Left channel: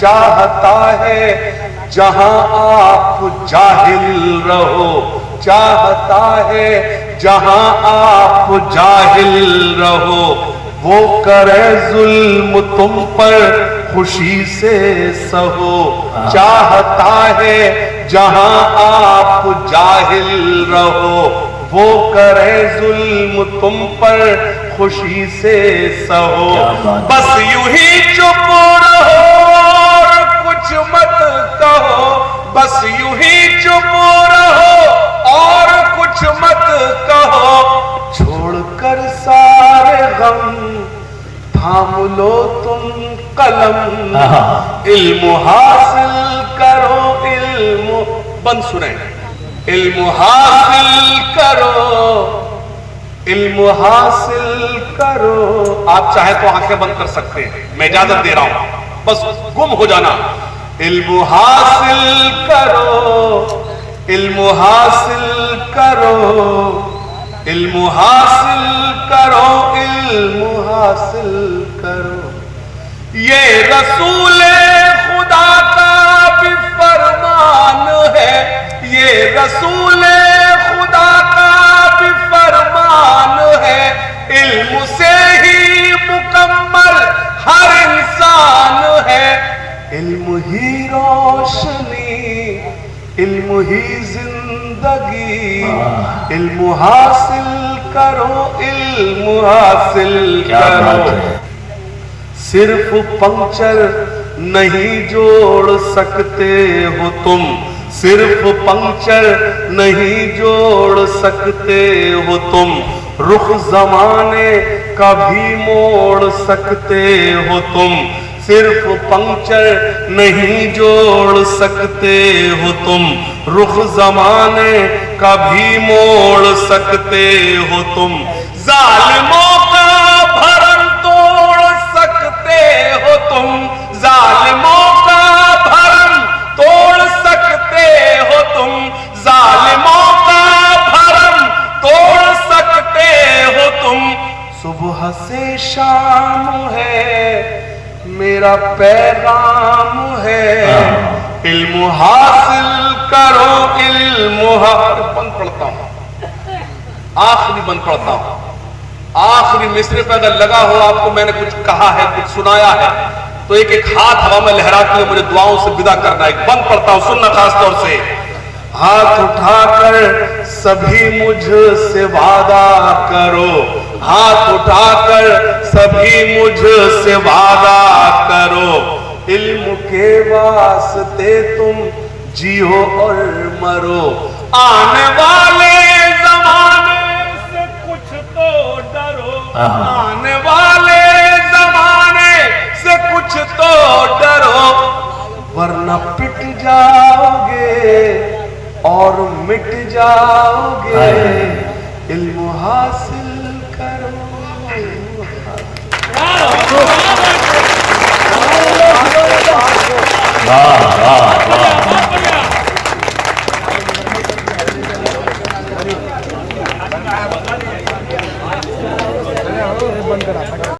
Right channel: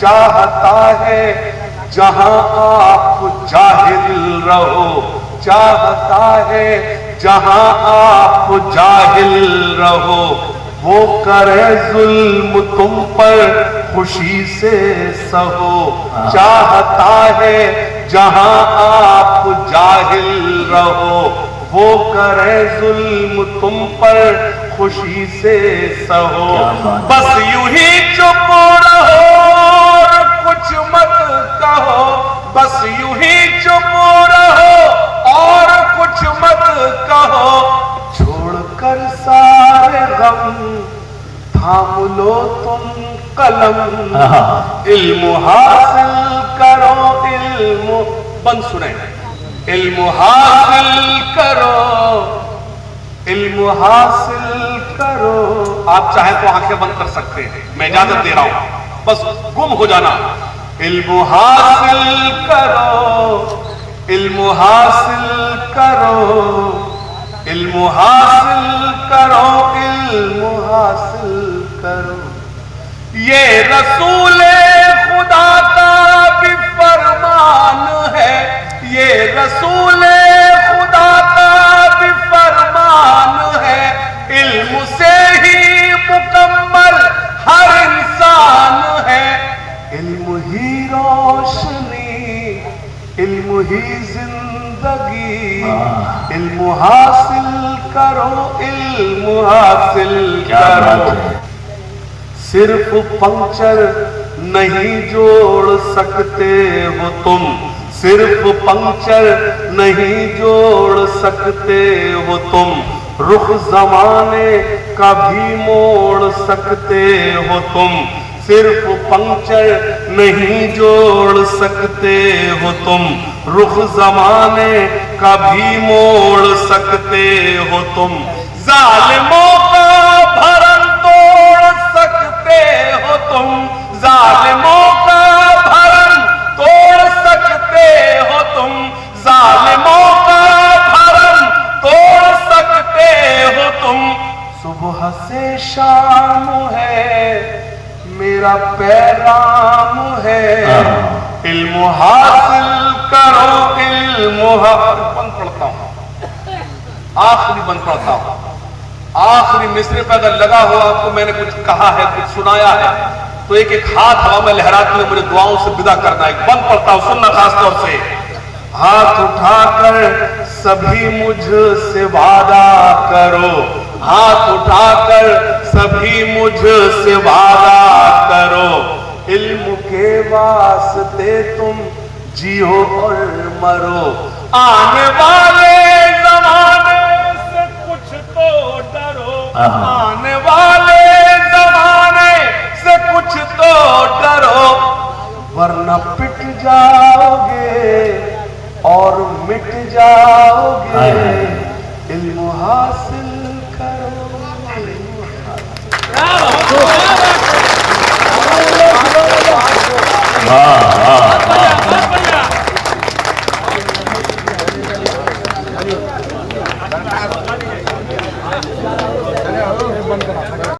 چاہتا ہے جہاں آپ جاہل رہو، چاہتا ہے جہاں آپ جاہل رہو، وہ کرے ظلم تم پر خوشی سے سہو، چاہتا ہے جہاں آپ جاہل رہو، وہ کرے ظلم تم پر خوشی سے سہو، بس یوں ہی چپ رہو اور کچھ مت کہو، بس یوں ہی چپ رہو اور کچھ مت کہو، چھوڑ کر سارے غم تھام لو تم قلم، علم حاصل کرو، علم بند سنیں، علم حاصل کرو، علم حاصل کرو، آپ چاہیں تو آنکھیں بند کر سکتے ہیں، میں اجازت دے رہا ہوں، بس گم ہو جانا، علم حاصل کرو، علم حاصل کرو، علم حاصل کرو، علم حاصل کرو، یہ رسول خدا کا بھی فرمان ہے، یہ رسول خدا کا بھی فرمان ہے، علم سے ہی مکمل ہر انسان ہے، علم ہی روشنی، علم ہی زندگی، علم حاصل کرو، علم حاصل کرو، صرف پنکچر نہیں جوڑ سکتے ہو تم، صرف پنکچر نہیں جوڑ سکتے ہو تم، رخ زمانے کا بھی موڑ سکتے ہو تم، صرف پنکچر نہیں جوڑ سکتے ہو تم، رخ زمانے کا بھی موڑ سکتے ہو تم، ظالموں کا بھرم توڑ سکتے ہو تم، ظالموں کا بھرم توڑ سکتے ہو تم، ظالموں کا بھرم توڑ سکتے ہو تم، صبح سے شام ہے میرا پیغام ہے، علم حاصل کرو، علم حاصل، بند پڑھتا ہوں، آخری بند پڑھتا ہوں، آخری مصرے پہ اگر لگا ہو آپ کو میں نے کچھ کہا ہے، کچھ سنایا ہے تو ایک ایک ہاتھ ہوا میں لہراتی ہوں، مجھے دعاؤں سے ودا کرنا ہے، ایک بند پڑھتا ہوں، سننا خاص طور سے، ہاتھ اٹھا کر سبھی مجھ سے وعدہ کرو، ہاتھ اٹھا کر سبھی مجھ سے وعدہ کرو، علم کے واسطے تم جیو اور مرو، آنے والے زمانے سے کچھ تو ڈرو، آنے والے زمانے سے کچھ تو ڈرو، ورنہ پٹ جاؤ گے اور مٹ جاؤ گے، علم حاصل کرو،